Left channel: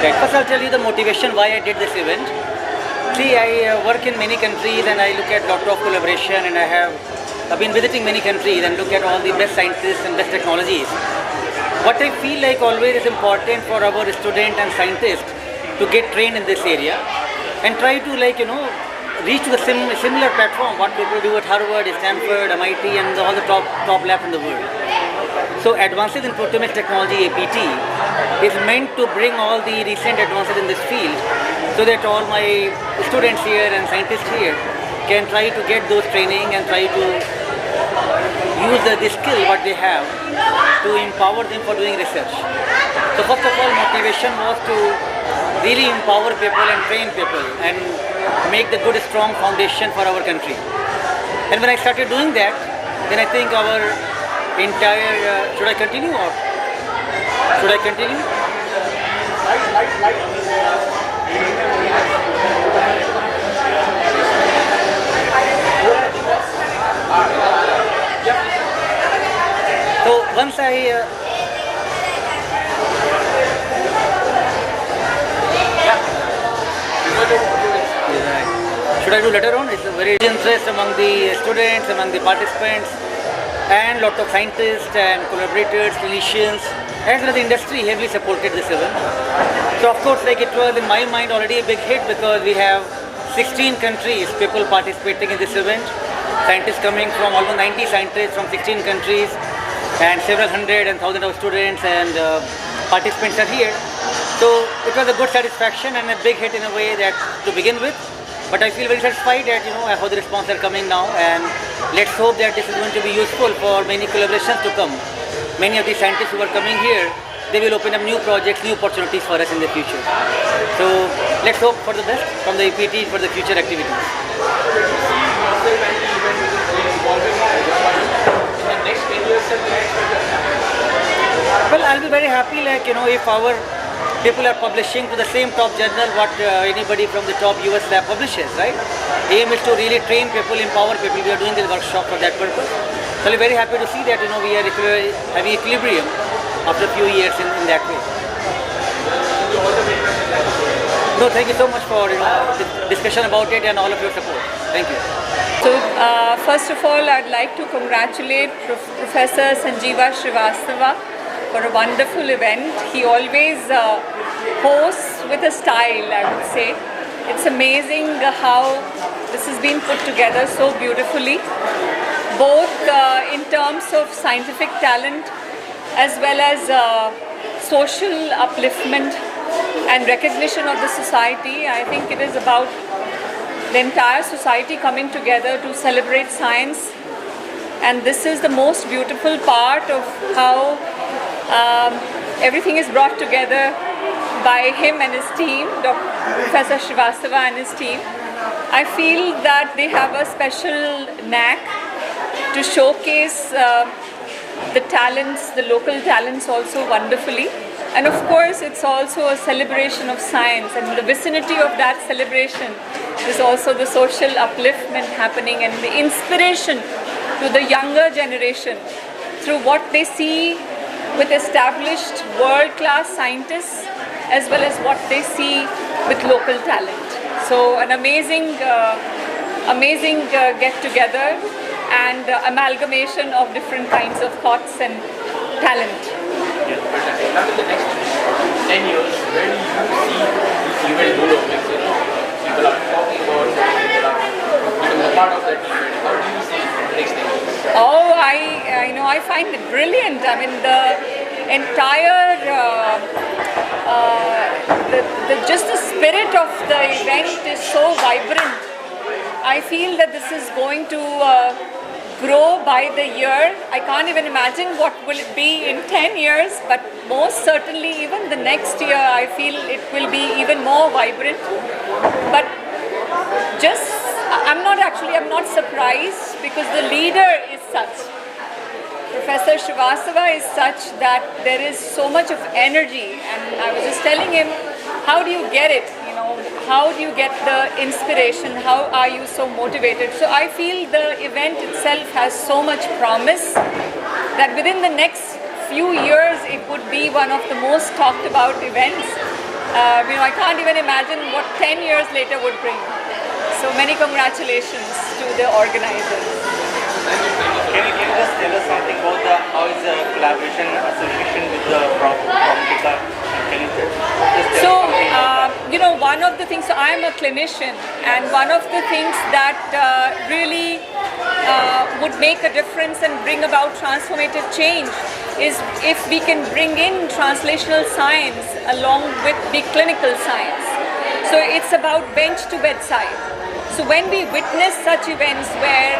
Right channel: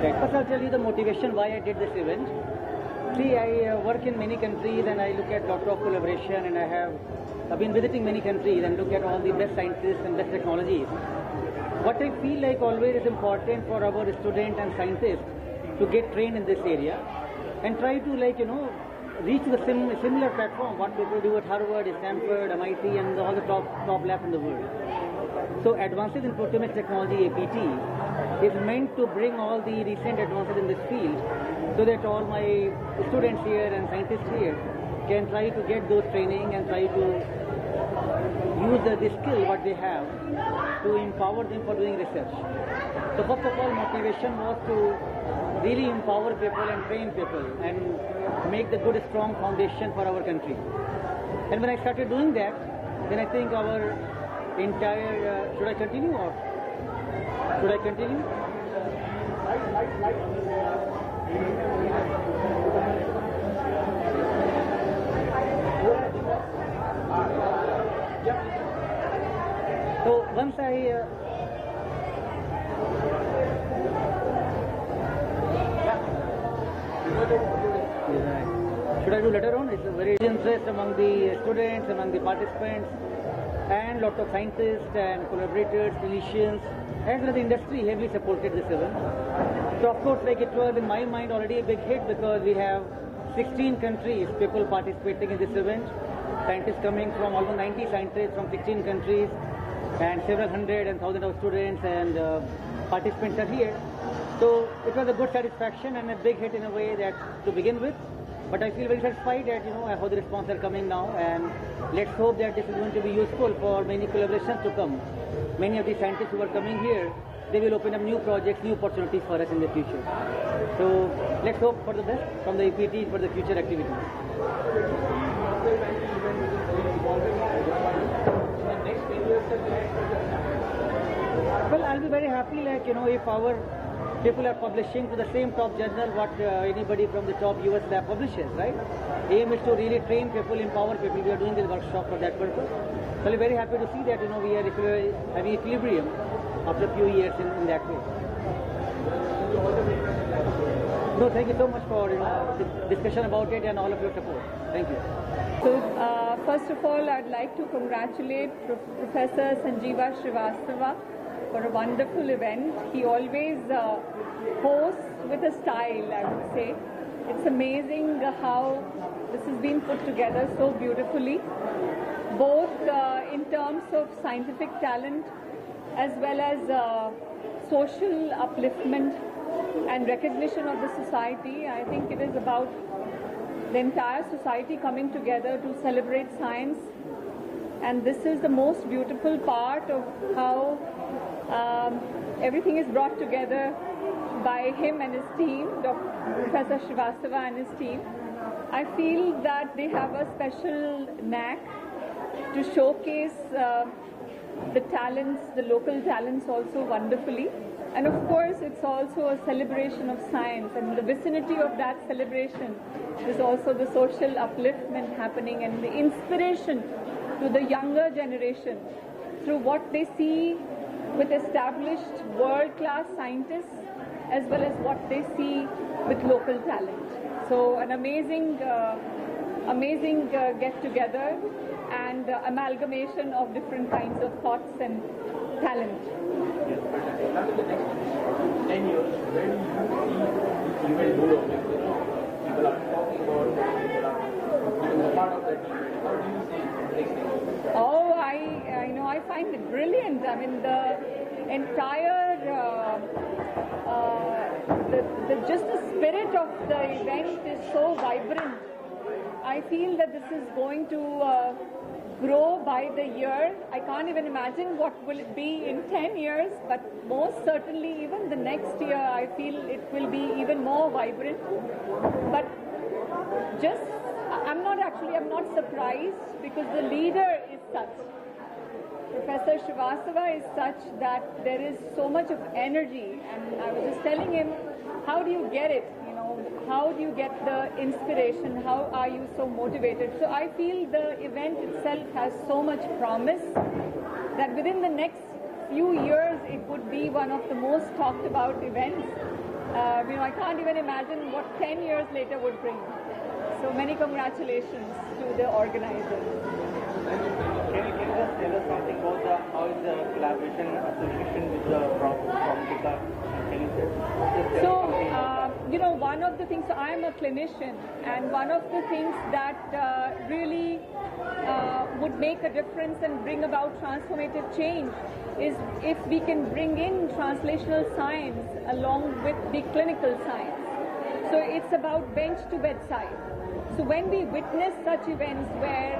Right. First, I'll tell you the motivation why I did this event. See, I work in many countries and I look at lot of collaboration, and I've been visiting many countries and look at all the best scientists and best technologies. What I feel like always is important for our student and scientists to get trained in this area and try to reach to a similar platform what people do at Harvard, Stanford, MIT, and all the top labs in the world. So advances in proteomics technology, APT, is meant to bring all the recent advances in this field so that all my students here and scientists here can try to get those training and try to use the skill what they have to empower them for doing research. So first of all, motivation was to really empower people and train people and make the good strong foundation for our country. And when I started doing that, then I think our entire, should I continue or should I continue? So once I should I do later on? It's a very interest among the students, among the participants, and lot of scientists and collaborators, clinicians, as well as the industry heavily supported this event. So of course, it was in my mind already a big hit because we have 16 countries, people participating in this event, scientists coming from almost 90 scientists from 16 countries, and several hundred and thousands of students and participants are here. So it was a good satisfaction and a big hit in a way that to begin with. But I feel very satisfied that how the response are coming now, and let's hope that this is going to be useful for many collaborations to come. Many of the scientists who are coming here, they will open up new projects, new opportunities for us in the future. So let's hope for the best from the EPT for the future activities. Well, I'll be very happy if our people are publishing to the same top journal what anybody from the top US lab publishes, right? Aim is to really train people, empower people. We are doing this workshop for that purpose. So I'm very happy to see that we are having equilibrium after a few years in that way. No, thank you so much for the discussion about it and all of your support. Thank you. So first of all, I'd like to congratulate Professor Sanjeeva Srivastava for a wonderful event. He always hosts with a style, I would say. It's amazing how this has been put together so beautifully, both in terms of scientific talent as well as social upliftment and recognition of the society. I think it is about the entire society coming together to celebrate science, and this is the most beautiful part of how everything is brought together by him and his team, Professor Srivastava and his team. I feel that they have a special knack to showcase the talents, the local talents also wonderfully. And of course, it's also a celebration of science, and in the vicinity of that celebration is also the social upliftment happening and the inspiration to the younger generation through what they see with established world-class scientists as well as what they see with local talent. So an amazing get-together and amalgamation of different kinds of thoughts and talent. Yeah, fantastic. Now in the next 10 years, where do you see this event developing? People are talking about it, people are becoming a part of that event. How do you see the next 10 years? Oh, I find it brilliant. I mean, the entire, just the spirit of the event is so vibrant. I feel that this is going to grow by the year. I can't even imagine what will it be in 10 years, but most certainly even the next year I feel it will be even more vibrant. But I'm not surprised because the leader is such. Professor Srivastava is such that there is so much of energy, and I was just telling him, how do you get it? How do you get the inspiration? How are you so motivated? So I feel the event itself has so much promise that within the next few years it would be one of the most talked about events. I can't even imagine what 10 years later would bring. So many congratulations to the organizers. Can you just tell us something about how is the collaboration association with the from Pika? Can you just tell us something about that? One of the things, so I'm a clinician, and one of the things that really would make a difference and bring about transformative change is if we can bring in translational science along with the clinical science. So it's about bench to bedside. So when we witness such events where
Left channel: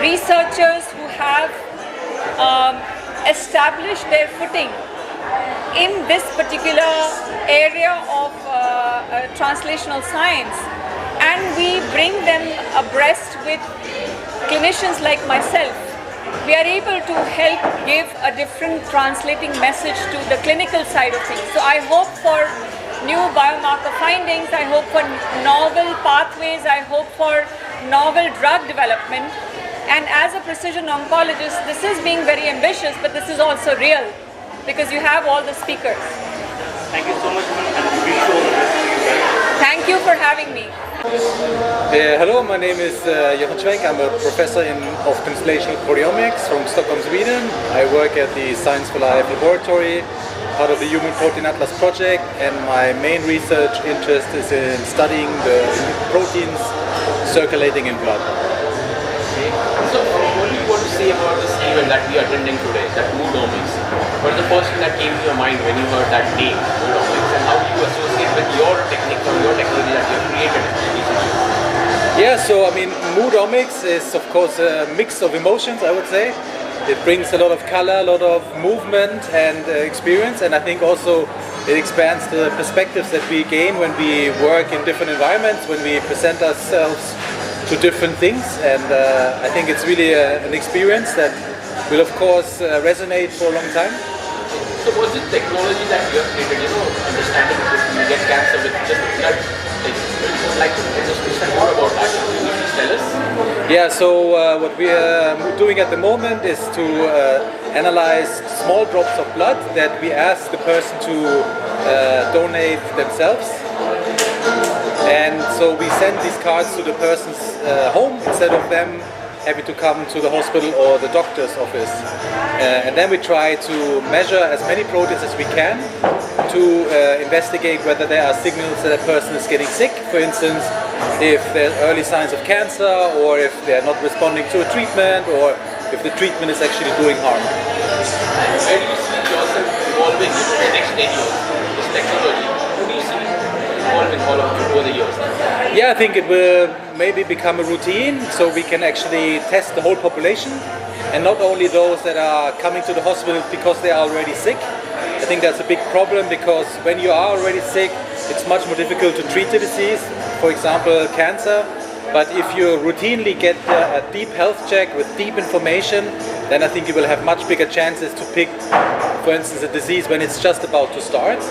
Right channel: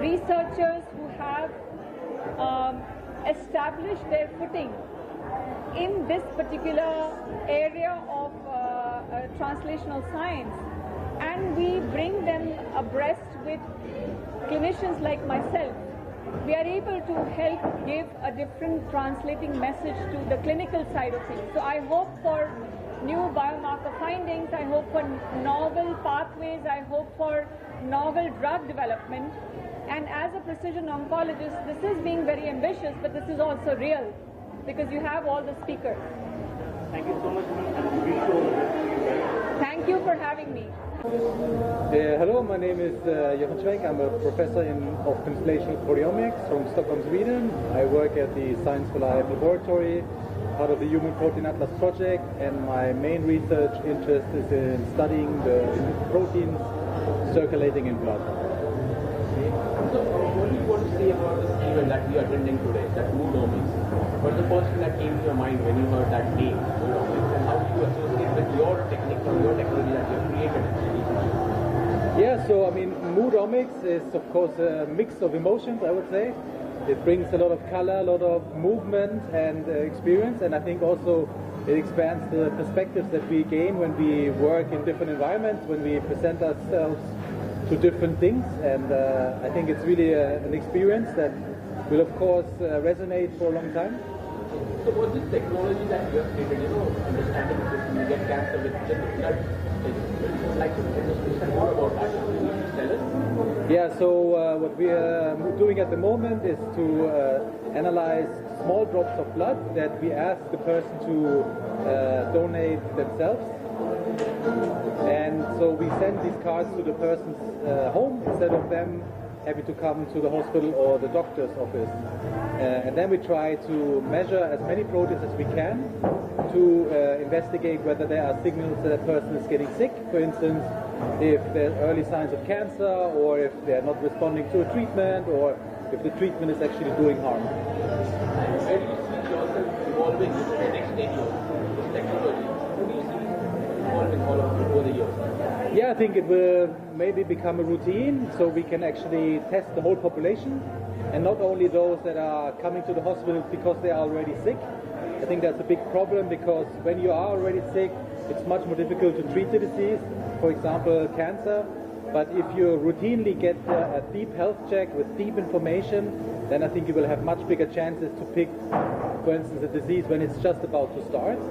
researchers who have established their footing in this particular area of translational science, and we bring them abreast with clinicians like myself, we are able to help give a different translating message to the clinical side of things. So I hope for new biomarker findings, I hope for novel pathways, I hope for novel drug development. And as a precision oncologist, this is being very ambitious, but this is also real because you have all the speakers. Thank you so much, and wish you all the best to you guys. Thank you for having me. Hello, my name is Johan Schwenk. I'm a professor of translational proteomics from Stockholm, Sweden. I work at the Science for Life laboratory, part of the Human Protein Atlas project, and my main research interest is in studying the proteins circulating in blood. So, what do you want to say about this event that we are attending today, that Omics? What is the first thing that came to your mind when you heard that name, Omics, and how do you associate with your technique or your technology that you have created recently? Yeah, so I mean, Omics is of course a mix of emotions, I would say. It brings a lot of color, a lot of movement and experience, and I think also it expands the perspectives that we gain when we work in different environments, when we present ourselves to different things, and I think it's really an experience that will of course resonate for a long time. So was it technology that you have created, understanding that you get cancer with just blood? I would like to understand more about that. Can you please tell us? Yeah, so what we are doing at the moment is to analyze small drops of blood that we ask the person to donate themselves. And so we send these cards to the person's home instead of them having to come to the hospital or the doctor's office. And then we try to measure as many proteins as we can to investigate whether there are signals that a person is getting sick. For instance, if there's early signs of cancer, or if they're not responding to a treatment, or if the treatment is actually doing harm. Where do you see yourself evolving in the next 10 years, this technology? Who do you see evolving over the years? Yeah, I think it will maybe become a routine, so we can actually test the whole population, and not only those that are coming to the hospital because they are already sick. I think that's a big problem, because when you are already sick, it's much more difficult to treat the disease, for example, cancer. But if you routinely get a deep health check with deep information, then I think you will have much bigger chances to pick, for instance, a disease when it's just about to start.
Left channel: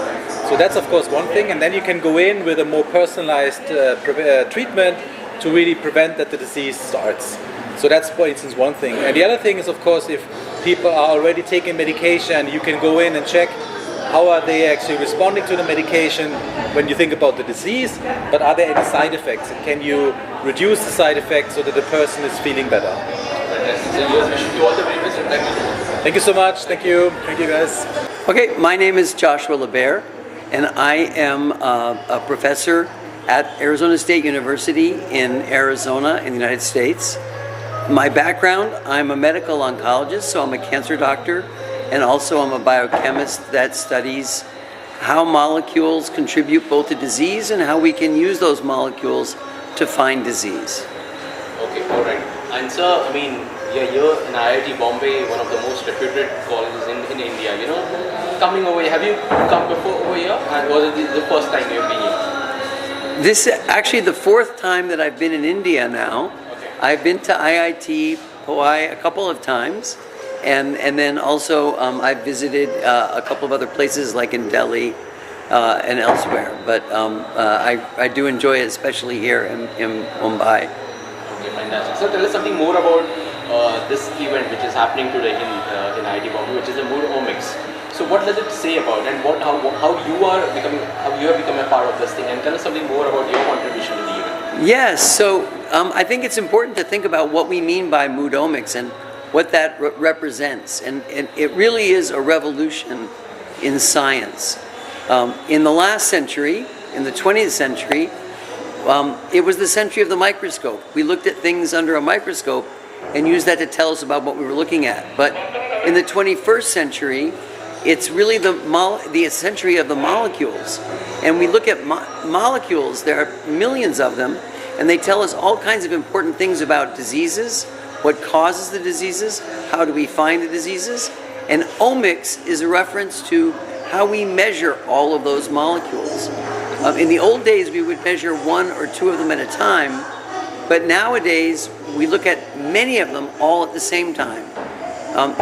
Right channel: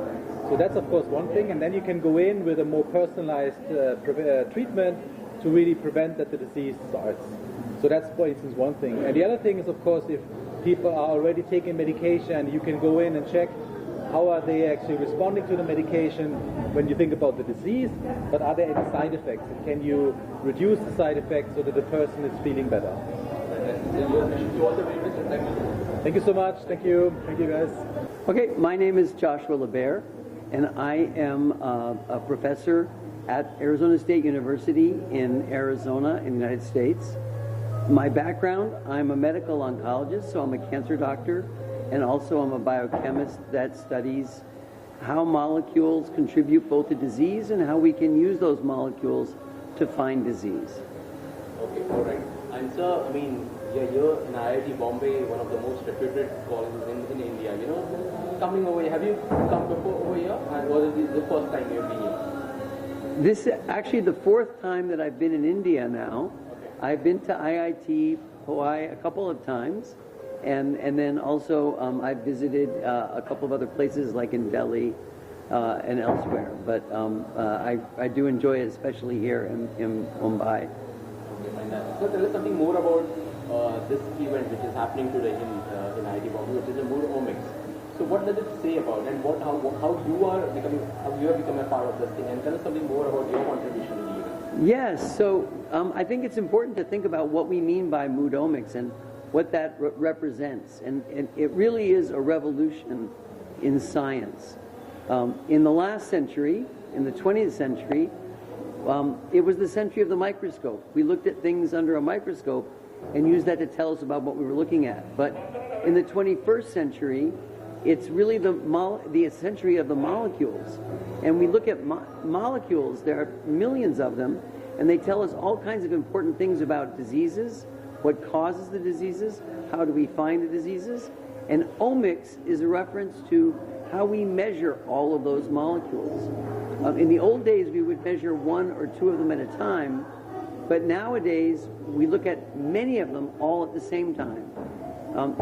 So that's of course one thing, and then you can go in with a more personalized treatment to really prevent that the disease starts. So that's, for instance, one thing. And the other thing is, of course, if people are already taking medication, you can go in and check how are they actually responding to the medication when you think about the disease, but are there any side effects? And can you reduce the side effects so that the person is feeling better? Thank you so much. Thank you. Thank you, guys. Okay, my name is Joshua LeBaire, and I am a professor at Arizona State University in Arizona in the United States. My background, I'm a medical oncologist, so I'm a cancer doctor, and also I'm a biochemist that studies how molecules contribute both to disease and how we can use those molecules to find disease. Okay, all right. And sir, I mean, you're here in IIT Bombay, one of the most reputed colleges in India, Coming over here, have you come before over here, and was it the first time you've been here? This is actually the fourth time that I've been in India now. Okay. I've been to IIT Bombay a couple of times, and then also I've visited a couple of other places like in Delhi and elsewhere. But I do enjoy it, especially here in Mumbai. Okay, fantastic. So tell us something more about this event which is happening today in IIT Bombay, which is the Omics. So what does it say about, and how you have become a part of this thing, and tell us something more about your contribution to the event. Yes, so I think it's important to think about what we mean by mood omics and what that represents. And it really is a revolution in science. In the last century, in the 20th century, it was the century of the microscope. We looked at things under a microscope and used that to tell us about what we were looking at. But in the 21st century, it's really the century of the molecules. And we look at molecules, there are millions of them, and they tell us all kinds of important things about diseases, what causes the diseases, how do we find the diseases. And omics is a reference to how we measure all of those molecules. In the old days, we would measure one or two of them at a time, but nowadays, we look at many of them all at the same time.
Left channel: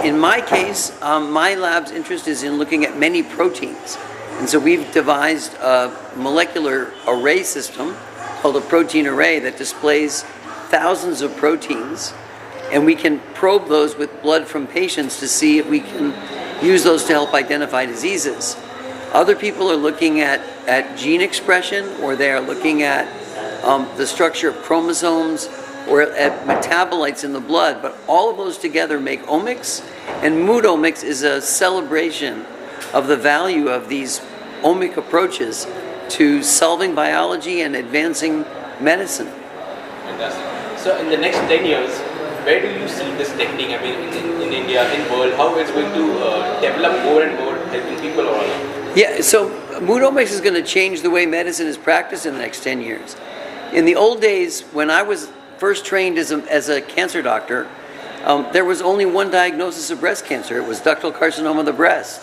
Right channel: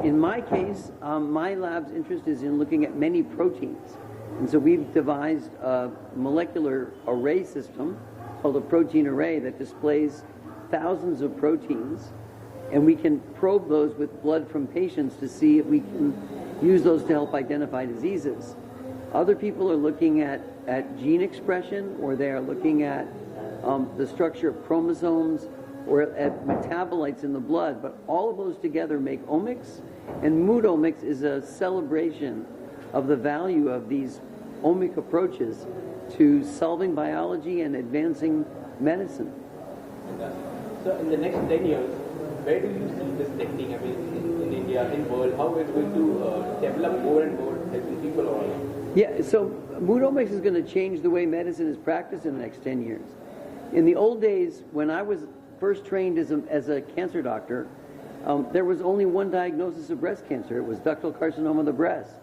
In my case, my lab's interest is in looking at many proteins. And so we've devised a molecular array system called a protein array that displays thousands of proteins. And we can probe those with blood from patients to see if we can use those to help identify diseases. Other people are looking at gene expression, or they are looking at the structure of chromosomes, or at metabolites in the blood. But all of those together make omics, and mood omics is a celebration of the value of these omic approaches to solving biology and advancing medicine. Fantastic. So in the next 10 years, where do you see this technique, I mean, in India, in world, how it's going to develop more and more, helping people all around? Yeah, so mood omics is going to change the way medicine is practiced in the next 10 years. In the old days, when I was first trained as a cancer doctor, there was only one diagnosis of breast cancer. It was ductal carcinoma of the breast.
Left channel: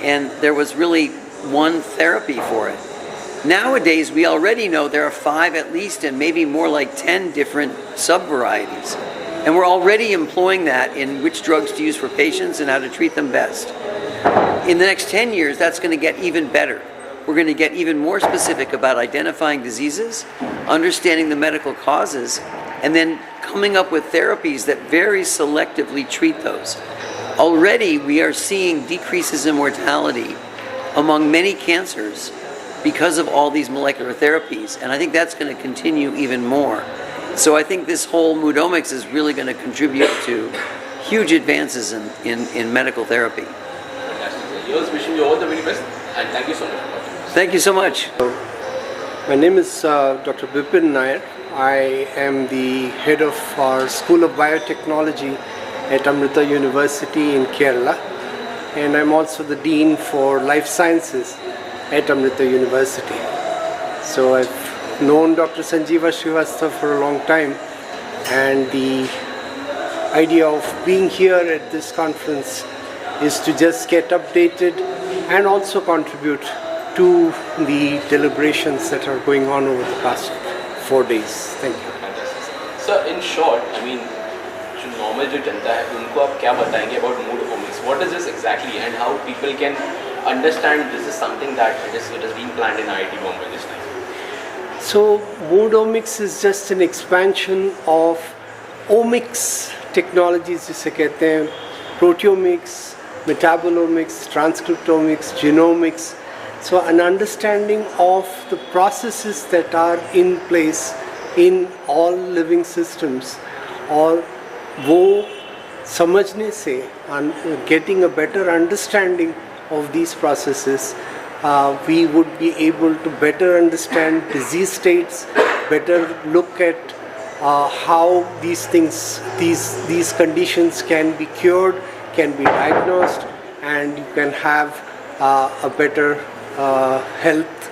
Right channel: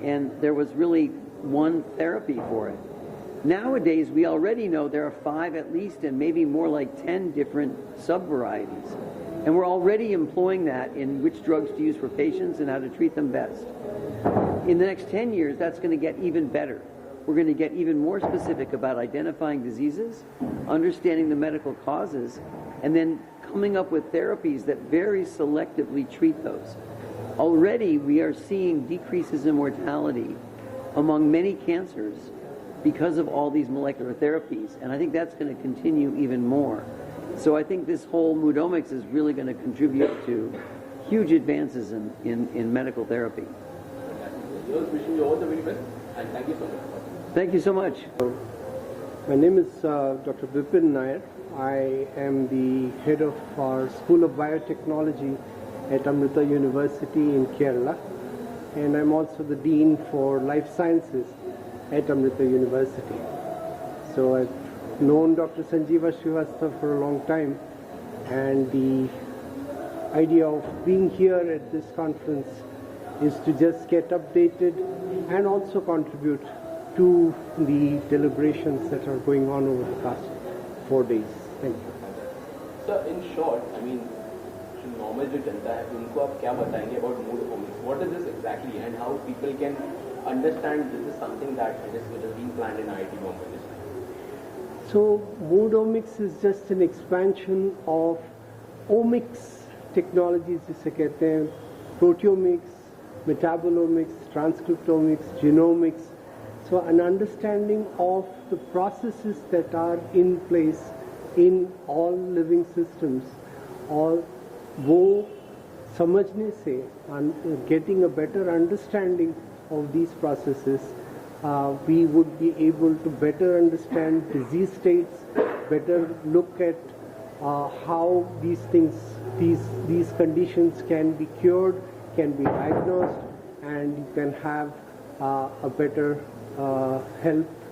And there was really one therapy for it. Nowadays, we already know there are 5 at least, and maybe more like 10 different subvarieties. And we're already employing that in which drugs to use for patients and how to treat them best. In the next 10 years, that's going to get even better. We're going to get even more specific about identifying diseases, understanding the medical causes, and then coming up with therapies that very selectively treat those. Already, we are seeing decreases in mortality among many cancers because of all these molecular therapies, and I think that's going to continue even more. So I think this whole mood omics is really going to contribute to huge advances in medical therapy. Fantastic. Yours, wishing you all the very best, and thank you so much. Thank you so much. My name is Dr. Bipin Nair. I am the head of our School of Biotechnology at Amrita University in Kerala, and I'm also the Dean for Life Sciences at Amrita University. So I've known Dr. Sanjeeva Srivastava for a long time, and the idea of being here at this conference is to just get updated and also contribute to the deliberations that are going on over the past 4 days. Thank you. Fantastic. So in short, I mean, जो normal जो जनता है उनको आप क्या बताएंगे about mood omics? What is this exactly, and how people can understand this is something that it is being planned in IIT Bombay this time? So mood omics is just an expansion of omics technologies जिसे कहते हैं proteomics, metabolomics, transcriptomics, genomics. So an understanding of the processes that are in place in all living systems, और वो समझने से getting a better understanding of these processes, we would be able to better understand disease states, better look at how these things, these conditions can be cured, can be diagnosed, and you can have a better health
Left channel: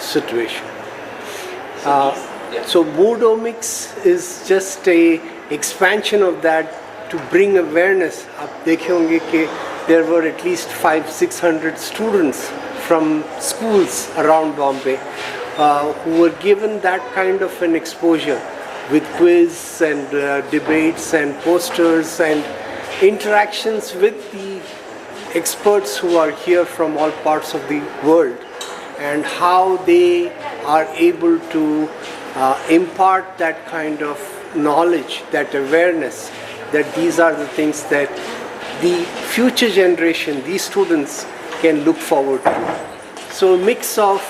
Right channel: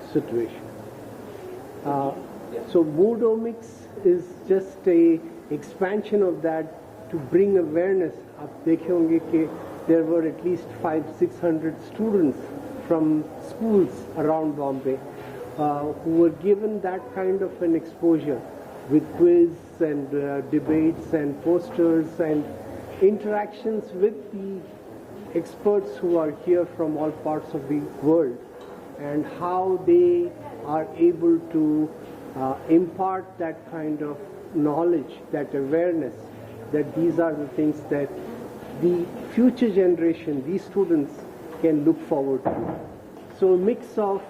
situation. So mood omics is just a expansion of that to bring awareness. आप देखे होंगे कि there were at least 500-600 students from schools around Bombay who were given that kind of an exposure with quiz and debates and posters and interactions with the experts who are here from all parts of the world, and how they are able to impart that kind of knowledge, that awareness, that these are the things that the future generation, these students, can look forward to. So a mix of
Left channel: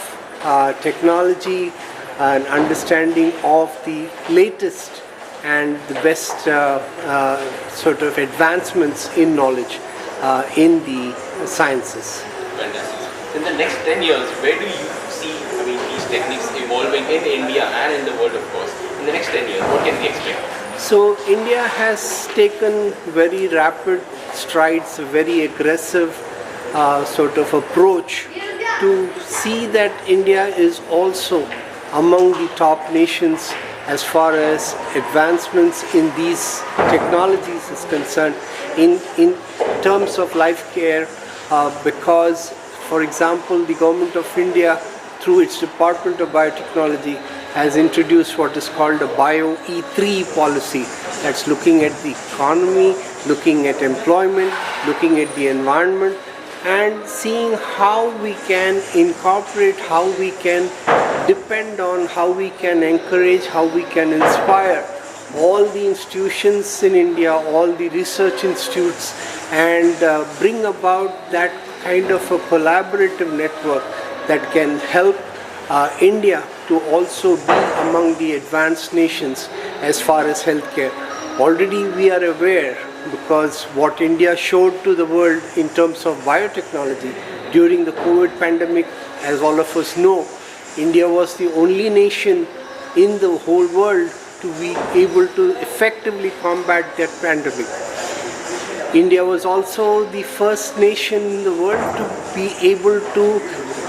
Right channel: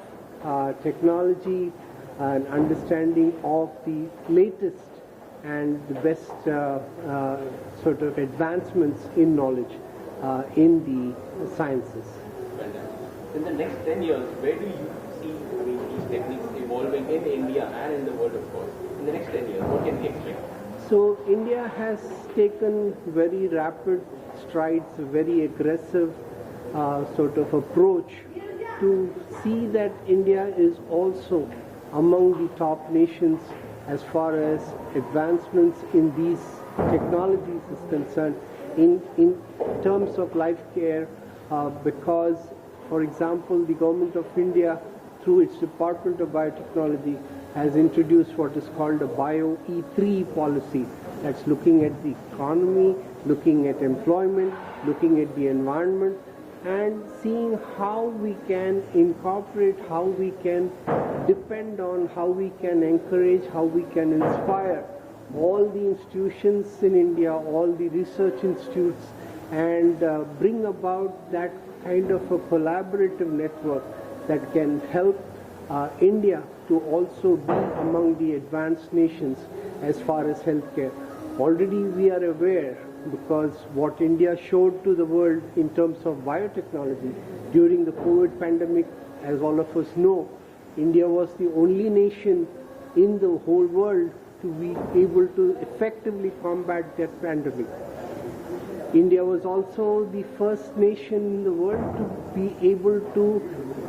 technology and understanding of the latest and the best sort of advancements in knowledge in the sciences. In the next 10 years, where do you see, these techniques evolving in India and in the world, of course? In the next 10 years, what can we expect? So India has taken very rapid strides, a very aggressive sort of approach to see that India is also among the top nations as far as advancements in these technologies is concerned in terms of life care, because, for example, the government of India through its Department of Biotechnology has introduced what is called a Bio E3 policy, that's looking at the economy, looking at employment, looking at the environment, and seeing how we can incorporate, how we can depend on, how we can encourage, how we can inspire all the institutions in India, all the research institutes, and bring about that kind of a collaborative network that can help India to also be among the advanced nations as far as healthcare. Already we are aware, because what India showed to the world in terms of biotechnology during the COVID pandemic, as all of us know, India was the only nation in the whole world to be able to effectively combat that pandemic. India was also the first nation in the world to be able to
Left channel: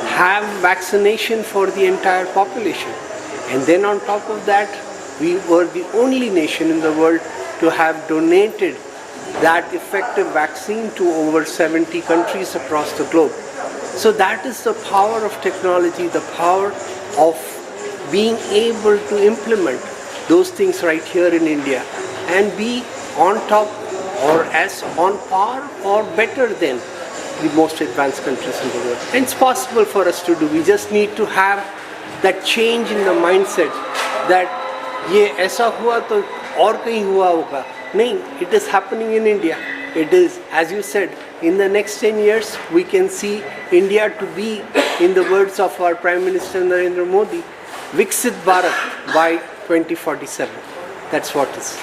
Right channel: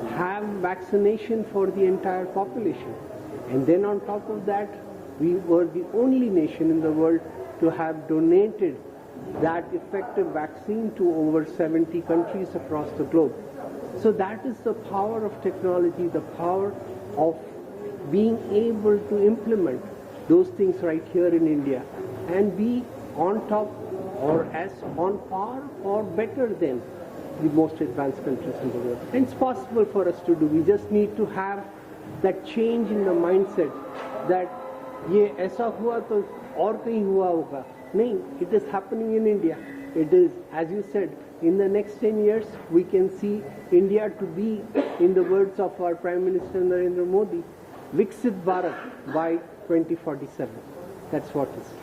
have vaccination for the entire population. And then on top of that, we were the only nation in the world to have donated that effective vaccine to over 70 countries across the globe. So that is the power of technology, the power of being able to implement those things right here in India and be on top or as on par or better than the most advanced countries in the world. And it's possible for us to do. We just need to have that change in the mindset that ये ऐसा हुआ तो और कहीं हुआ होगा. No, it is happening in India. It is, as you said, in the next 10 years, we can see India to be, in the words of our Prime Minister Narendra Modi, Viksit Bharat by 2047. That's what is.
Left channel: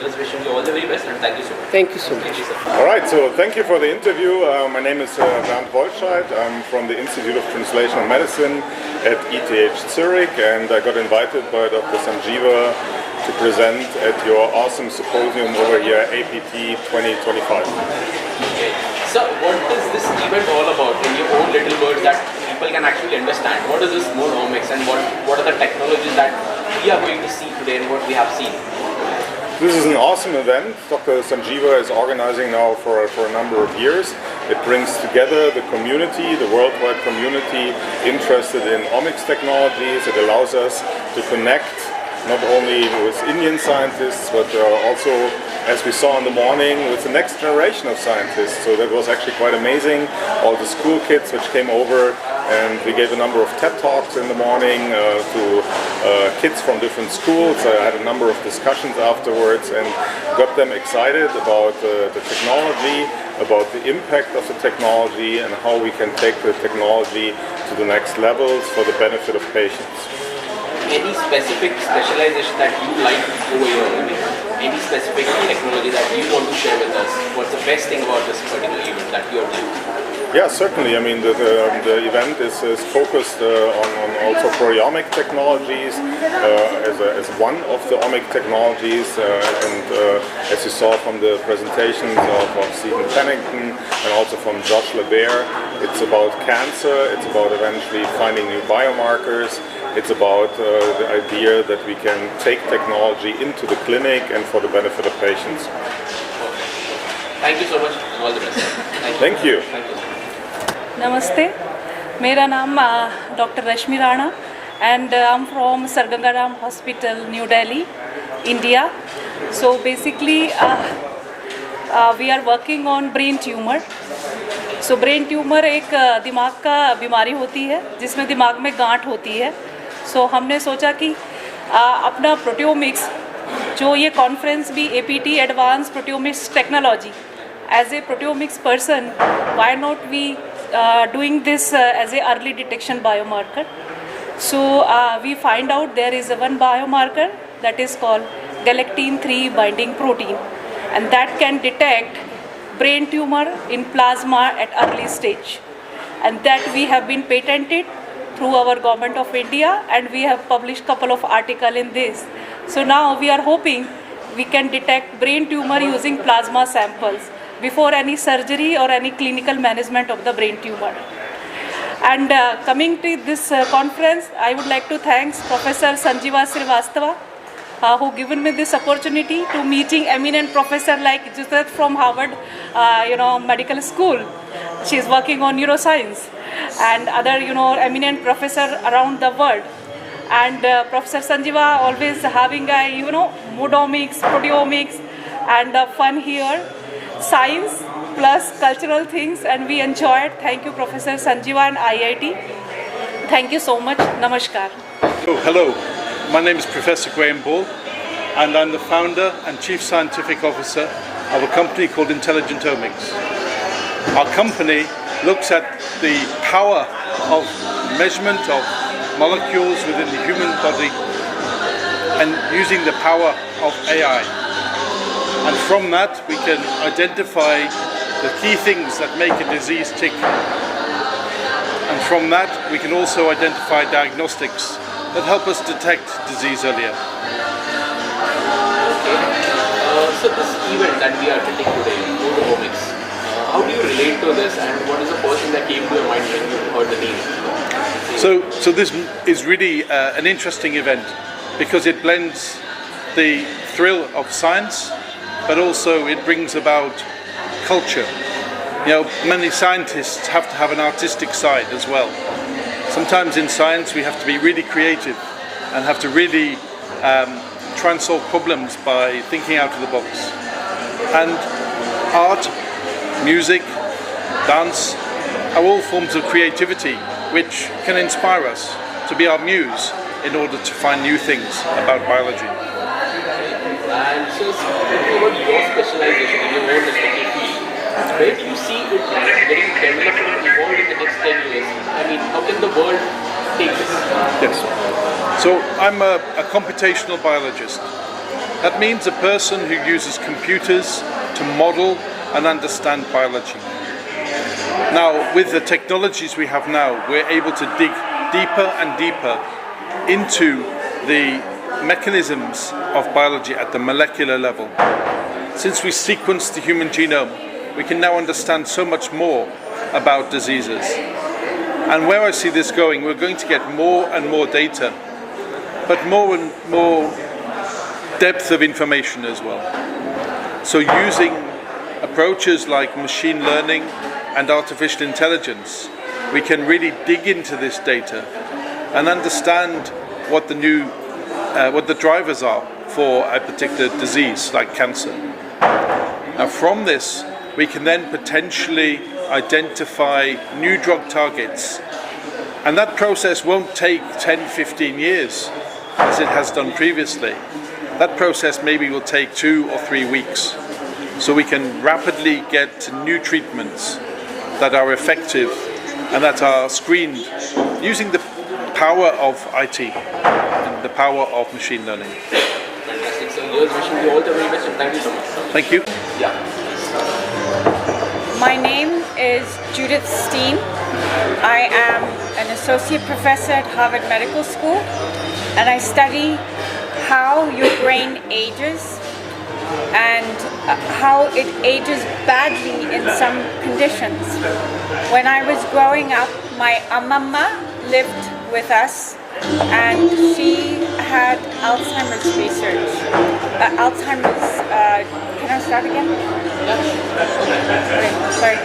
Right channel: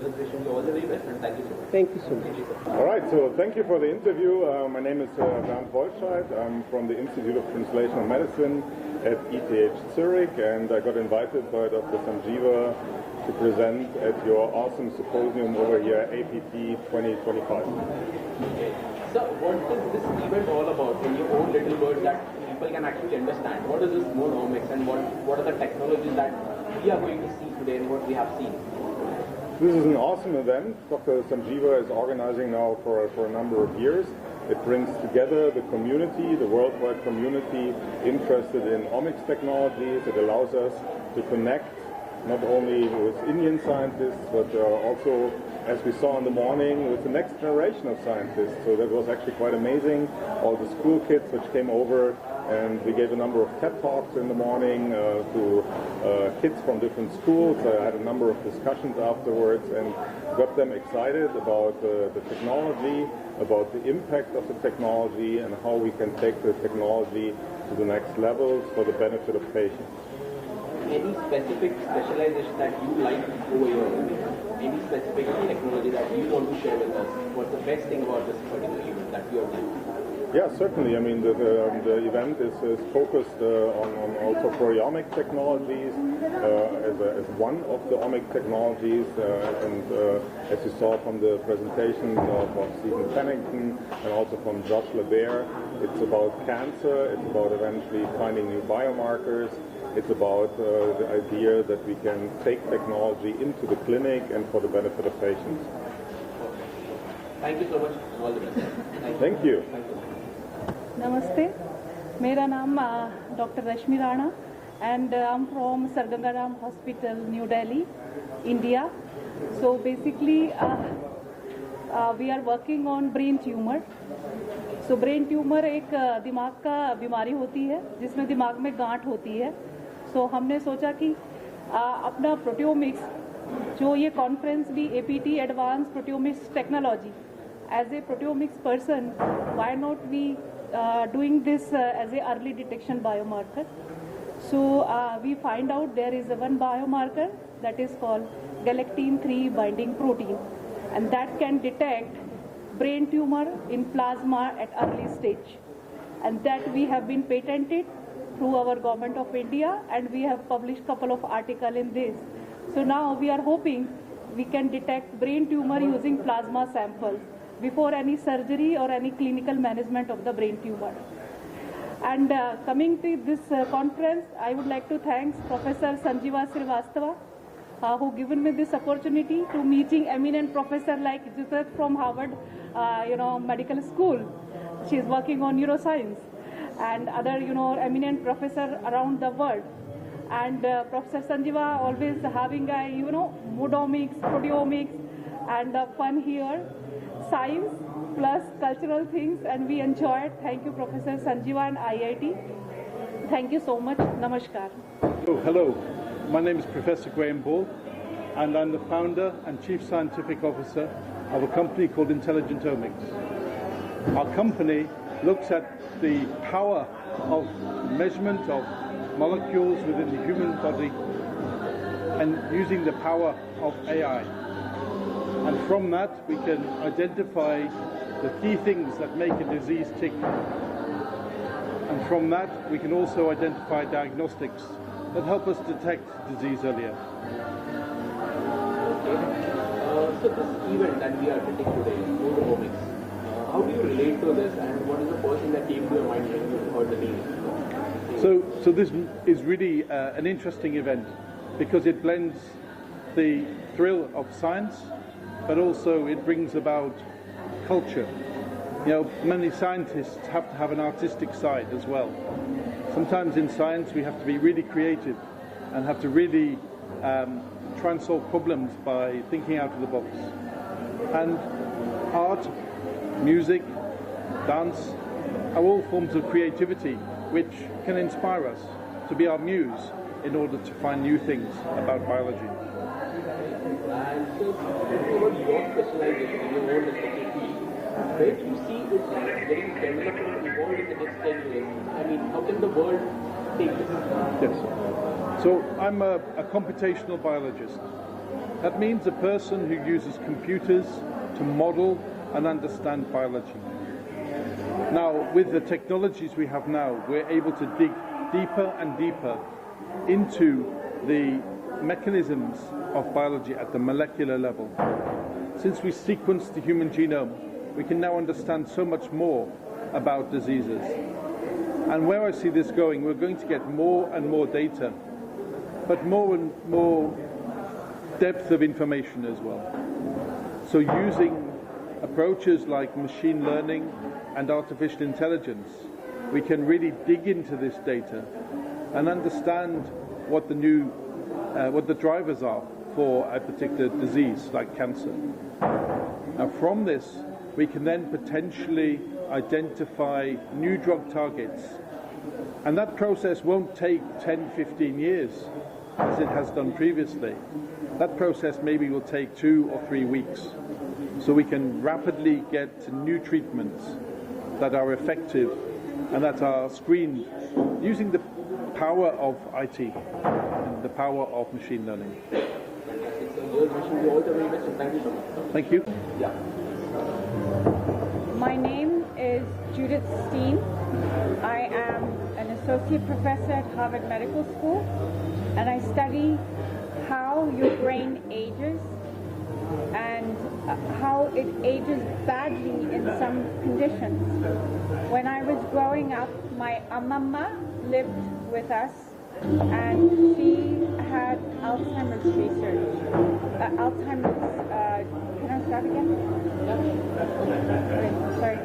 Just wishing you all the very best and thank you so much. Thank you so much. All right, so thank you for the interview. My name is Bernd Wolscheid. I'm from the Institute of Translational Medicine at ETH Zurich, and I got invited by Dr. Sanjeeva to present at your awesome symposium over here, APT 2025. Okay. So what is this event all about in your own little words that people can actually understand? What is this more Omics and what are the technologies that we are going to see today and what we have seen? This is an awesome event. Dr. Sanjeeva is organizing now for a number of years. It brings together the community, the worldwide community interested in omics technologies. It allows us to connect not only with Indian scientists, but also, as we saw in the morning, with the next generation of scientists. So that was actually quite amazing. All the school kids which came over, and we gave a number of TED Talks in the morning to kids from different schools. I had a number of discussions afterwards and got them excited about the technology, about the impact of the technology, and how we can take the technology to the next levels for the benefit of patients. Any specific specialization that you like over here? Any specific technology that you want to share with us? What's the best thing about this particular event that you are doing? Yeah, certainly. I mean, the event is focused on also proteomic technologies as one of the omic technologies. And as you saw from the presentations of Stephen Pennington and also from Josh LeBaire, it's about cancer, it's about eventually finding new biomarkers. It's about the idea that we can take technology into the clinic and for the benefit of patients. Thank you so much. All the best. Thank you. Thank you. Namaste. मेरा नाम Dr. Rashmi Rana and I'm from Sargangaram Hospital, New Delhi, India. So basically we are working on brain tumor. So brain tumor एक दिमाग का बीमारी होती है जिसमें दिमाग में गांठ होती है. So हमने सोचा कि अपना प्रोटियोमिक्स जो ये कॉन्फ्रेंस भी APT advance proteomics technology as a proteomics person, why not we doing this as a early detection biomarker? So we find out there is one biomarker that is called galectin-3 binding protein, and that can detect brain tumor in plasma at early stage. And that we have been patented through our government of India, and we have published couple of articles in this. So now we are hoping we can detect brain tumor using plasma samples before any surgery or any clinical management of the brain tumor. And coming to this conference, I would like to thank Professor Sanjeeva Srivastava, who given me this opportunity to meeting eminent professor like Judith from Harvard, medical school. She is working on neuroscience, and other, eminent professor around the world. And Professor Sanjeeva always having a, moodomics, proteomics, and fun here, science plus cultural things, and we enjoyed. Thank you, Professor Sanjeeva and IIT. Thank you so much. Namaskar. Oh, hello. My name is Professor Graham Ball, and I'm the founder and Chief Scientific Officer of a company called Intelligent Omics. Our company looks at the power of measurement of molecules within the human body and using the power of AI. And from that we can identify the key things that make a disease tick. And from that we can also identify diagnostics that help us detect disease earlier. Okay. So this event that we are attending today, Omics, how do you relate to this, and what is the first thing that came to your mind when you heard the name? So this is really an interesting event because it blends the thrill of science, but also it brings about culture. Many scientists have to have an artistic side as well. Sometimes in science we have to be really creative and have to really try and solve problems by thinking out of the box. And art, music, dance are all forms of creativity which can inspire us to be our muse in order to find new things about biology. And so speaking about your specialization in your own respective field, where do you see it getting developed and evolved in the next 10 years? I mean, how can the world take this? Yes. So I'm a computational biologist. That means a person who uses computers to model and understand biology. Now, with the technologies we have now, we're able to dig deeper and deeper into the mechanisms of biology at the molecular level. Since we sequenced the human genome, we can now understand so much more about diseases. And where I see this going, we're going to get more and more data, but more and more depth of information as well. So using approaches like machine learning and artificial intelligence, we can really dig into this data and understand what the drivers are for a particular disease like cancer. Now from this, we can then potentially identify new drug targets. And that process won't take 10, 15 years as it has done previously. That process maybe will take 2 or 3 weeks. So we can rapidly get to new treatments that are effective and that are screened using the power of IT and the power of machine learning. Fantastic. So here's wishing you all the very best, and thank you so much. Thank you. Yeah. My name is Judith Steen. I am an associate professor at Harvard Medical School, and I study how your brain ages and how it ages badly in some conditions. When I was growing up, my amamma lived with us, and she had Alzheimer's research. Can I start again? Okay, sorry.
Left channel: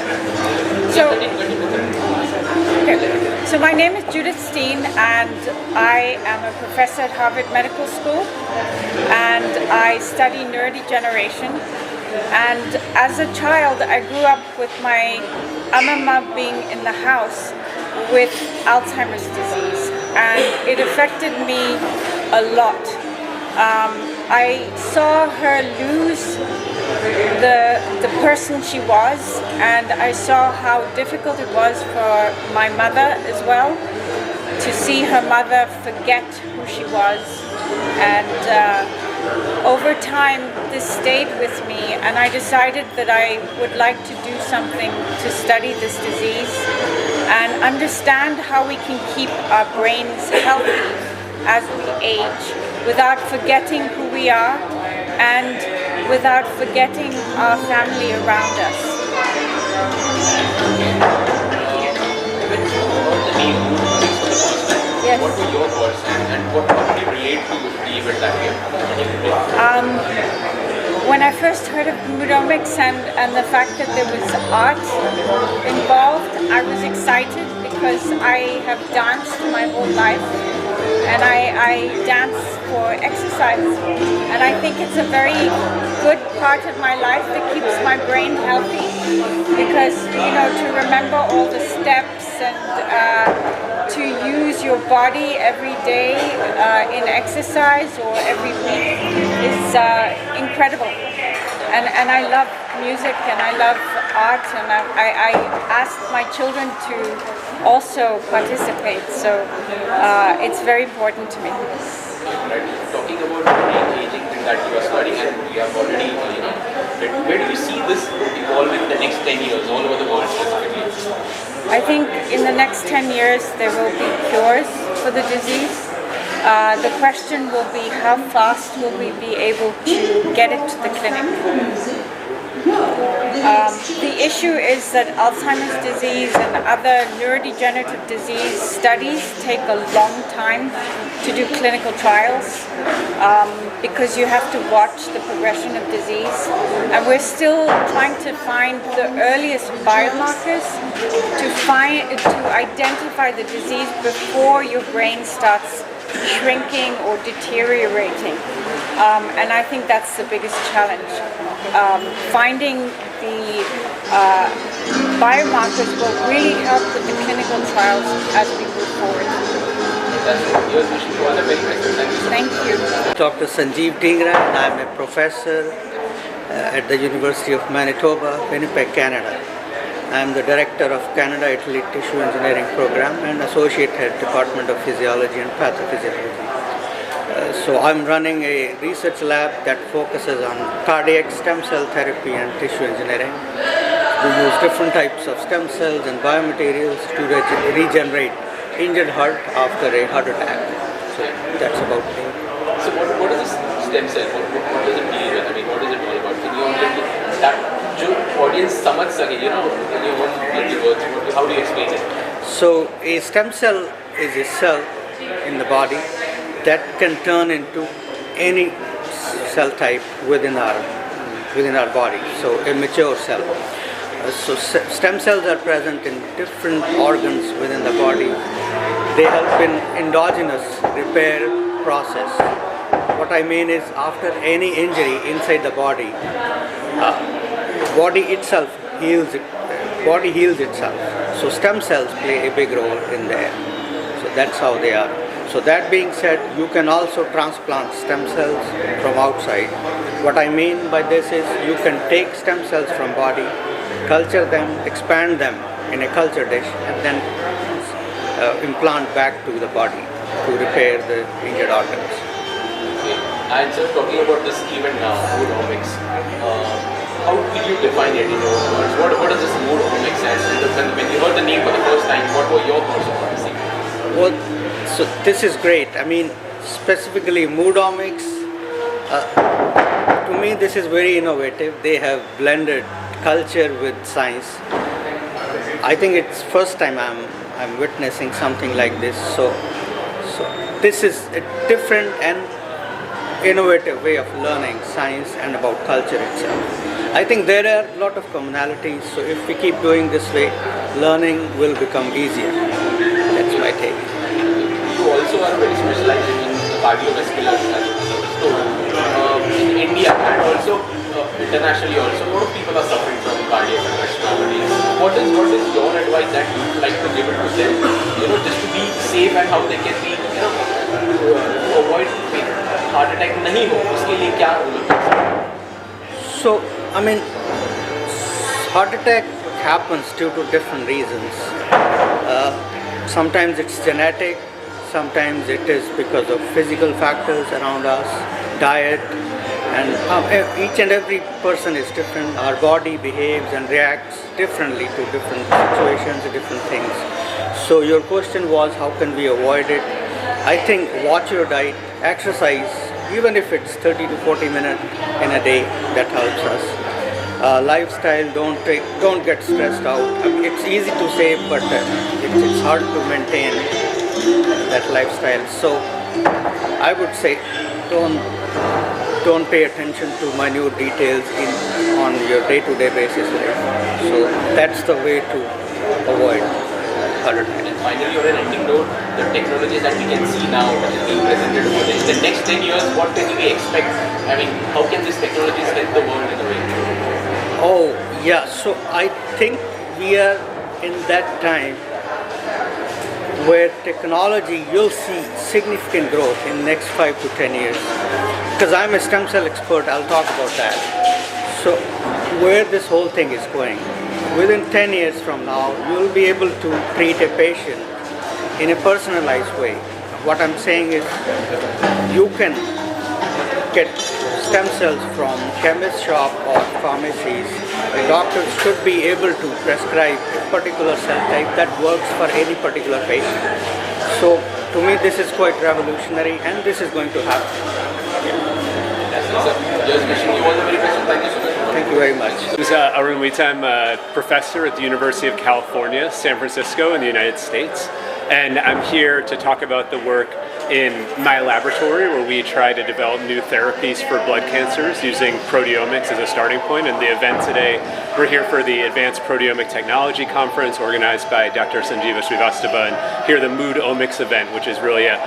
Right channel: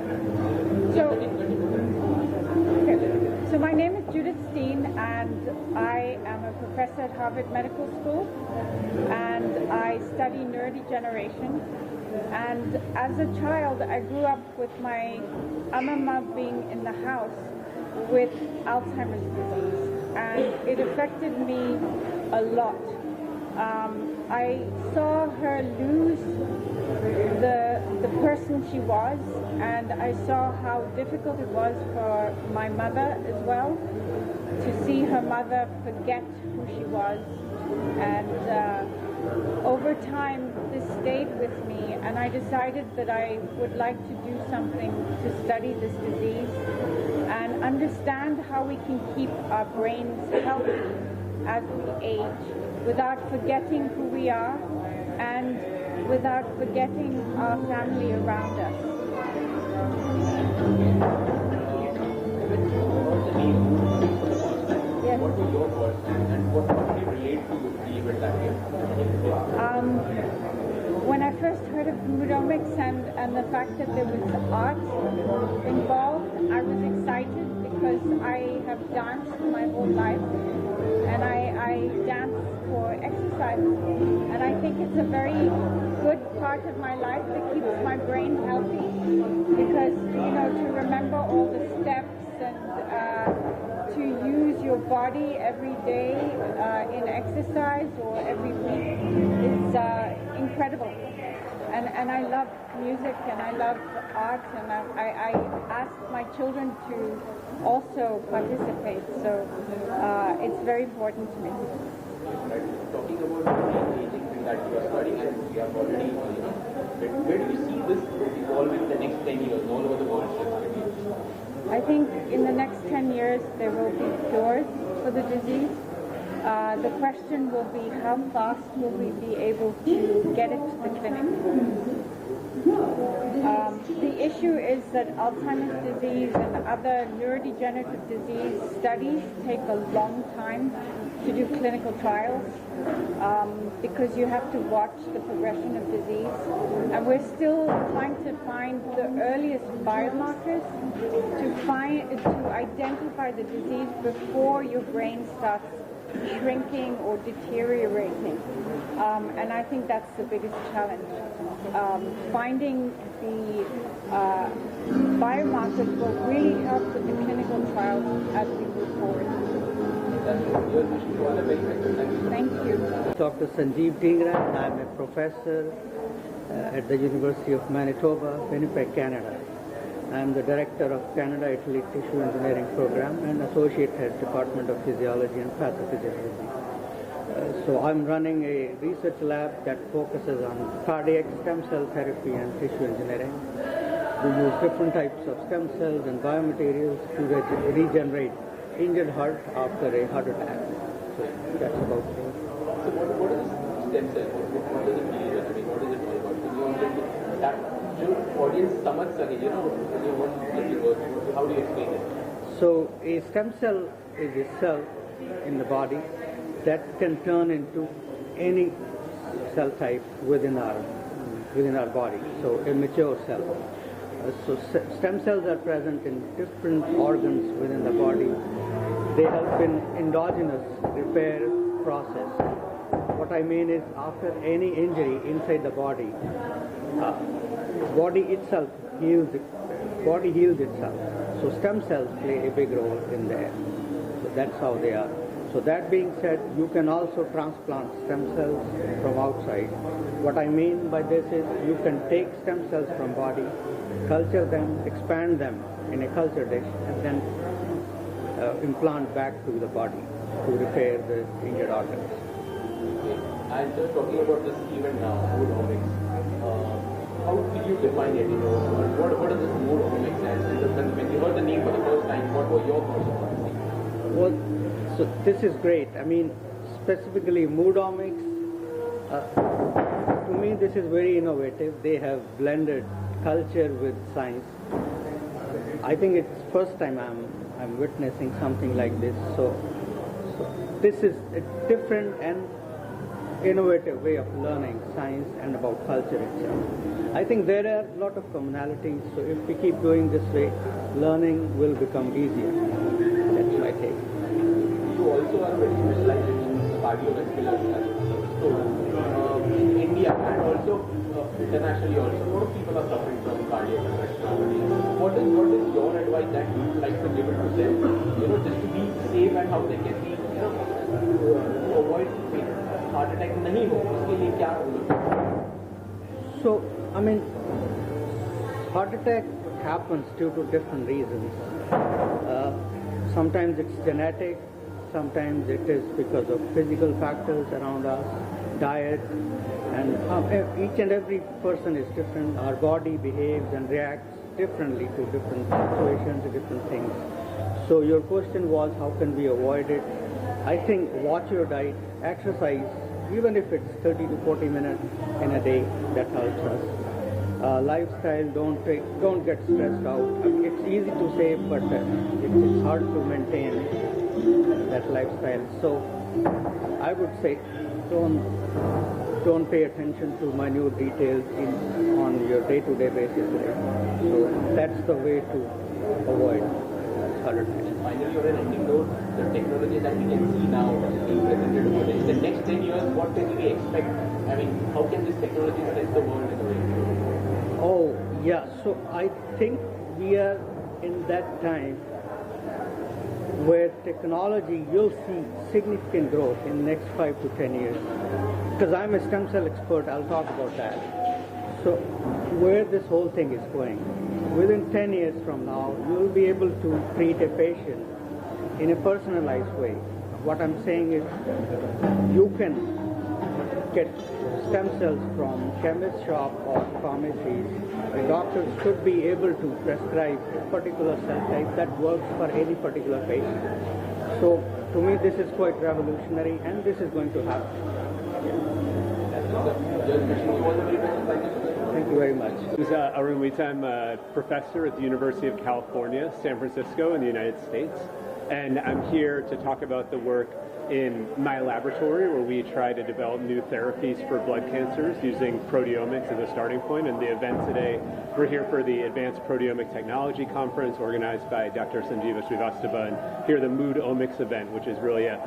So my name is Judith Steen, and I am a professor at Harvard Medical School, and I study neurodegeneration. And as a child, I grew up with my amamma being in the house with Alzheimer's disease, and it affected me a lot. I saw her lose the person she was, and I saw how difficult it was for my mother as well, to see her mother forget who she was. And over time this stayed with me, and I decided that I would like to do something to study this disease and understand how we can keep our brains healthy as we age without forgetting who we are and without forgetting our family around us. When you heard the name Omics for the first time, Yes. what were your thoughts and what did you relate to the event that we have? When I first heard of Omics and the fact that there was art involved, I was excited because I have danced my whole life, and I dance for exercise, and I think it's a very good part of my life that keeps my brain healthy, because to remember all the steps and to use your body every day in exercise or every week is incredible. And I love music and I love art, and I asked my children to also participate, so it's very important to me. Right. Talking about the aging thing that you are studying and you have already, where do you see this evolving in the next 10 years all over the world specifically? I think in the next 10 years there will be cures for the disease. The question will be how fast will we be able to get it to the clinic. The issue is that Alzheimer's disease and other neurodegenerative disease studies take a long time to do clinical trials because you have to watch the progression of disease, and we're still trying to find the earliest biomarkers to identify the disease before your brain starts shrinking or deteriorating, and I think that's the biggest challenge. Finding the biomarkers will really help with the clinical trials as we move forward. Here's wishing you all the very best. Thank you so much. Thank you. Dr. Sanjeeva Srivastava, and I'm a professor at the University of Manitoba, Winnipeg, Canada. I'm the director of Canada-Italy Tissue Engineering Program and associate head Department of Physiology and Pathophysiology. So I'm running a research lab that focuses on cardiac stem cell therapy and tissue engineering. We use different types of stem cells and biomaterials to regenerate injured heart after a heart attack. So that's about it. So what is this stem cell? What does it deal with? I mean, what is it all about? Can you that audience समझ सके, in your own words, how do you explain it? So a stem cell is a cell in the body that can turn into any cell type within our body. So a mature cell. So stem cells are present in different organs within the body. They help in endogenous repair process. What I mean is, after any injury inside the body, body heals itself. So stem cells play a big role in there. So that's how they are. So that being said, you can also transplant stem cells from outside. What I mean by this is, you can take stem cells from body, culture them, expand them in a culture dish, and then implant back to the body to repair the injured organs. Okay. And so talking about this event now, mood omics, how will you define it in your own words? What is this mood omics? And when you heard the name for the first time, what were your thoughts about this thing? Well, so this is great. I mean, specifically mood omics, to me this is very innovative. They have blended culture with science. I think it's first time I'm witnessing something like this. So this is a different and innovative way of learning science and about culture itself. I think there are a lot of commonalities. So if we keep doing this way, learning will become easier. That's my take. You also are very specialized in cardiovascular disease. So in India and also internationally also, a lot of people are suffering from cardiac arrest nowadays. What is your advice that you would like to give it to them? Just to be safe and how they can be, to avoid heart attack नहीं हो, उसके लिए क्या? So I mean, heart attack happens due to different reasons. Sometimes it's genetic, sometimes it is because of physical factors around us, diet, and each and every person is different. Our body behaves and reacts differently to different situations, different things. So your question was, how can we avoid it? I think watch your diet, exercise, even if it's 30 to 40 minutes in a day, that helps us. Lifestyle, don't get stressed out. I mean, it's easy to say, but it's hard to maintain that lifestyle. So I would say don't pay attention to minute details on your day-to-day basis. Right? So that's the way to avoid heart attack. And finally, on an ending note, the technologies that we can see now that is being presented over there, in the next 10 years, what can we expect? I mean, how can these technologies help the world in a way? Oh, yeah. So I think we are in that time where technology, you'll see significant growth in the next 5 to 10 years. Because I'm a stem cell expert, I'll talk about that. So where this whole thing is going, within 10 years from now, you'll be able to treat a patient in a personalized way. What I'm saying is you can get stem cells from chemist shop or pharmacies. The doctors should be able to prescribe a particular cell type that works for any particular patient. So to me this is quite revolutionary and this is going to happen. Just wishing you all the very best. Thank you so much. Thank you very much. This is Arun Wita. I'm a professor at the University of California, San Francisco in the United States. And I'm here to talk about the work in my laboratory where we try to develop new therapies for blood cancers using proteomics as a starting point. And the event today, we're here for the Advanced Proteomic Technology Conference organized by Dr. Sanjeeva Srivastava, and here the Mood Omics event, which is really a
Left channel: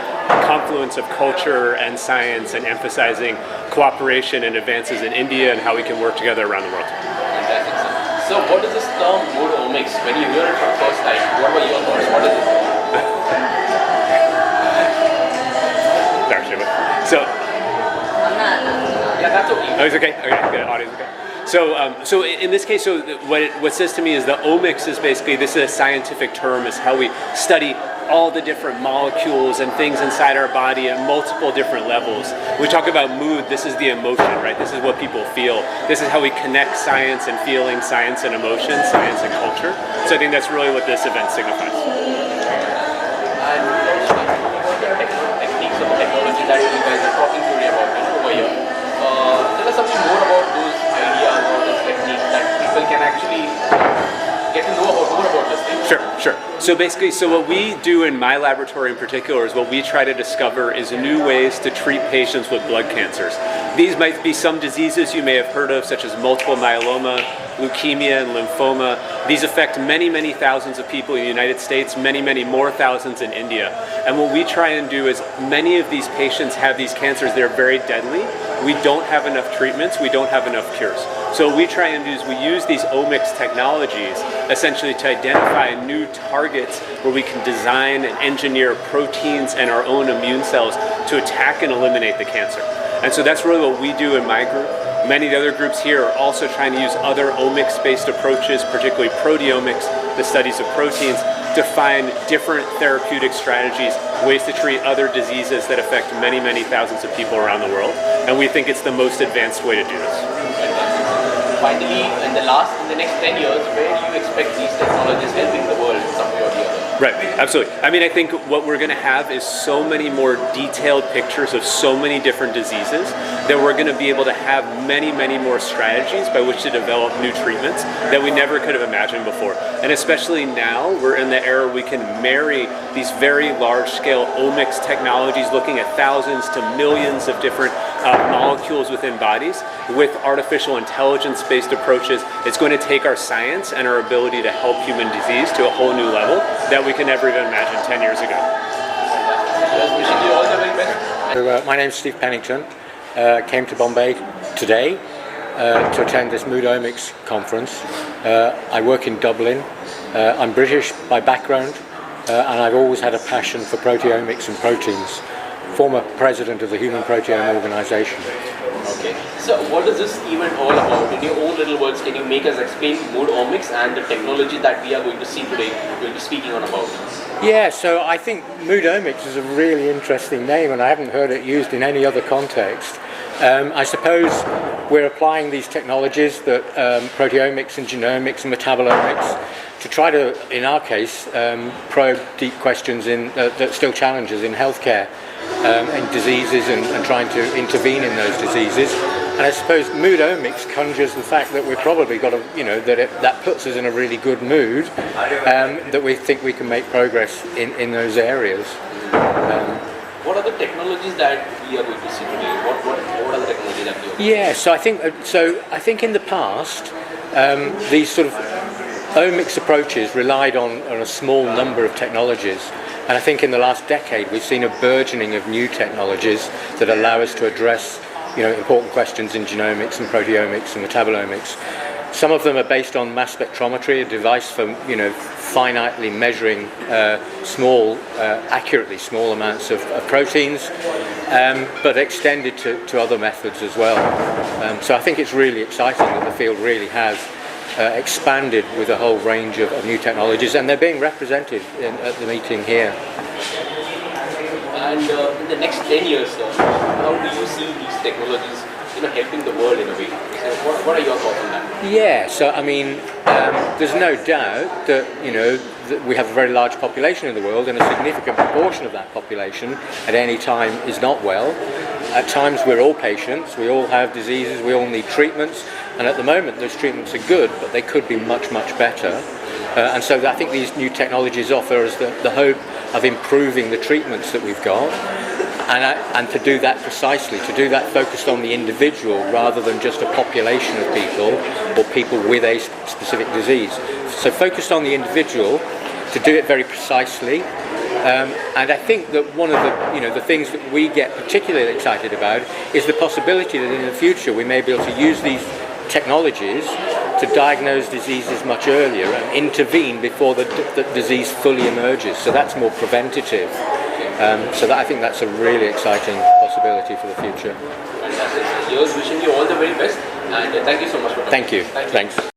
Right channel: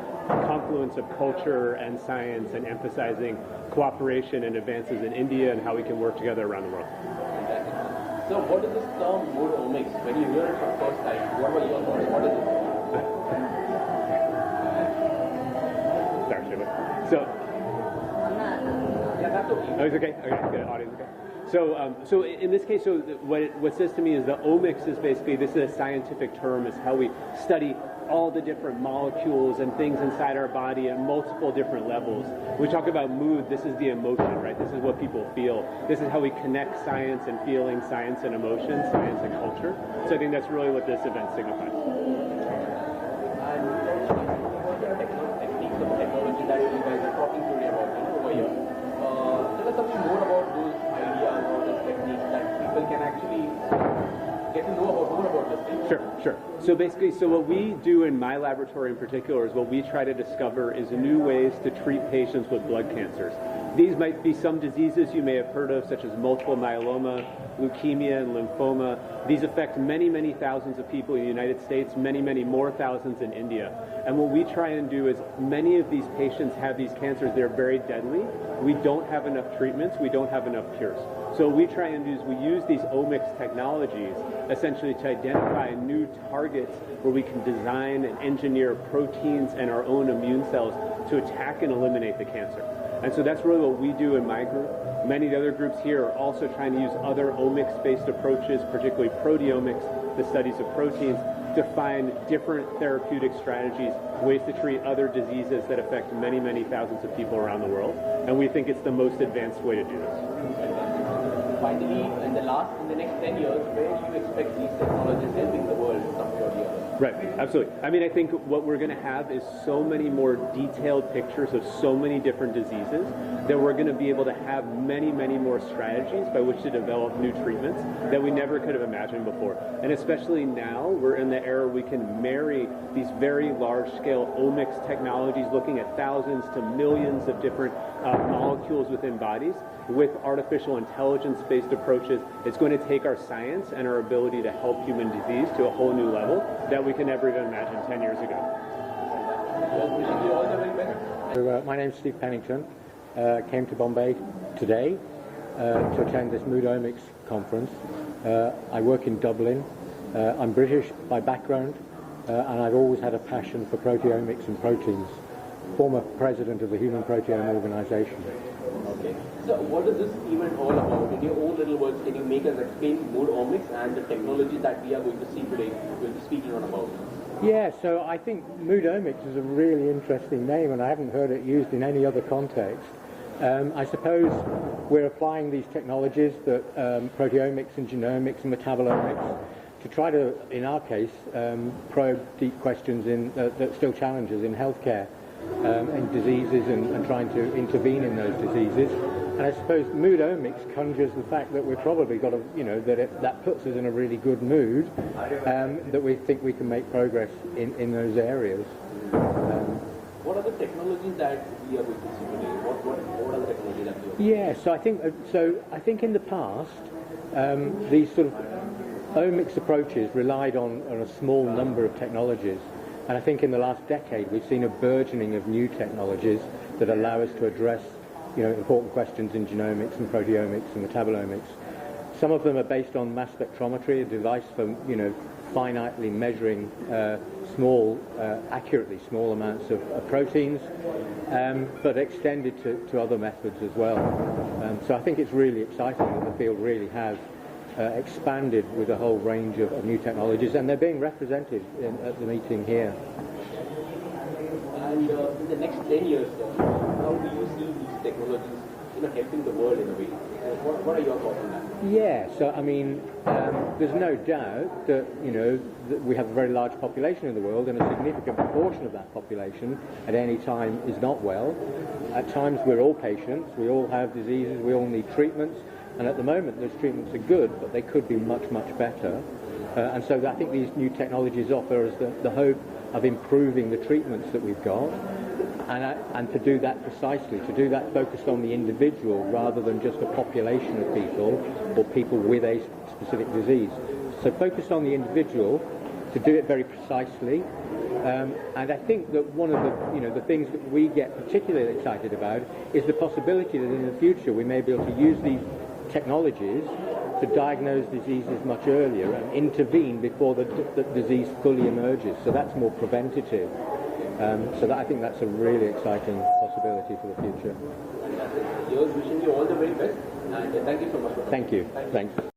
confluence of culture and science and emphasizing cooperation and advances in India and how we can work together around the world. Fantastic. So what is this term Mood Omics? When you hear it for the first time, what were your thoughts? What is it? So, yeah, that's okay. Oh, it's okay. Okay, good. Audio's okay. So in this case, what says to me is the omics is basically, this is a scientific term, is how we study all the different molecules and things inside our body at multiple different levels. We talk about mood, this is the emotion, right? This is what people feel. This is how we connect science and feeling, science and emotion, science and culture. So I think that's really what this event signifies. That you guys are talking today about over here. Tell us something more about those ideas or those techniques that people can actually get to know more about this thing. Sure. So basically, what we do in my laboratory in particular is what we try to discover is new ways to treat patients with blood cancers. These might be some diseases you may have heard of, such as multiple myeloma, leukemia, and lymphoma. These affect many, many thousands of people in the United States, many, many more thousands in India. And what we try and do is many of these patients have these cancers that are very deadly. We don't have enough treatments, we don't have enough cures. So what we try and do is we use these omics technologies essentially to identify new targets where we can design and engineer proteins and our own immune cells to attack and eliminate the cancer. And so that's really what we do in my group. Many of the other groups here are also trying to use other omics-based approaches, particularly proteomics, the studies of proteins, to find different therapeutic strategies, ways to treat other diseases that affect many, many thousands of people around the world. And we think it's the most advanced way to do this. Finally, in the next 10 years, where do you expect these technologies helping the world in some way or the other? Right, absolutely. I mean, I think what we're going to have is so many more detailed pictures of so many different diseases that we're going to be able to have many, many more strategies by which to develop new treatments that we never could have imagined before. And especially now, we're in the era we can marry these very large-scale omics technologies, looking at thousands to millions of different molecules within bodies with artificial intelligence-based approaches. It's going to take our science and our ability to help human disease to a whole new level that we could never even imagine 10 years ago. Wishing you all the very best. My name's Steve Pennington. Came to Bombay today to attend this Mood Omics conference. I work in Dublin. I'm British by background, and I've always had a passion for proteomics and proteins. Former president of the Human Proteome Organization. Okay. So what is this event all about? In your own little words, can you make us explain mood omics and the technology that we are going to see today? We'll be speaking on about. Yeah, so I think Moodomics is a really interesting name, and I haven't heard it used in any other context. I suppose we're applying these technologies, that proteomics and genomics and metabolomics, to try to, in our case, probe deep questions that still challenges in healthcare and diseases, and trying to intervene in those diseases. And I suppose Moodomics conjures the fact that we've probably got that puts us in a really good mood, that we think we can make progress in those areas. What are the technologies that we are going to see today? What are the technologies that we are going to see? Yeah, so I think in the past, these sort of omics approaches relied on a small number of technologies. And I think in the last decade we've seen a burgeoning of new technologies that allow us to address important questions in genomics and proteomics and metabolomics. Some of them are based on mass spectrometry, a device for finitely measuring accurately small amounts of proteins, but extended to other methods as well. So I think it's really exciting that the field really has expanded with a whole range of new technologies, and they're being represented at the meeting here. And in the next 10 years, how do you see these technologies helping the world in a way? So what are your thoughts on that? Yeah, so I mean, there's no doubt that that we have a very large population in the world, and a significant proportion of that population at any time is not well. At times we're all patients, we all have diseases, we all need treatments, and at the moment those treatments are good, but they could be much, much better. And so I think these new technologies offer us the hope of improving the treatments that we've got, and to do that precisely, to do that focused on the individual rather than just a population of people or people with a specific disease. So focused on the individual, to do it very precisely. And I think that one of the things that we get particularly excited about is the possibility that in the future we may be able to use these technologies to diagnose diseases much earlier and intervene before the disease fully emerges. So that's more preventative. So I think that's a really exciting possibility for the future. Fantastic. Yours, wishing you all the very best, and thank you so much for coming. Thank you. Thanks.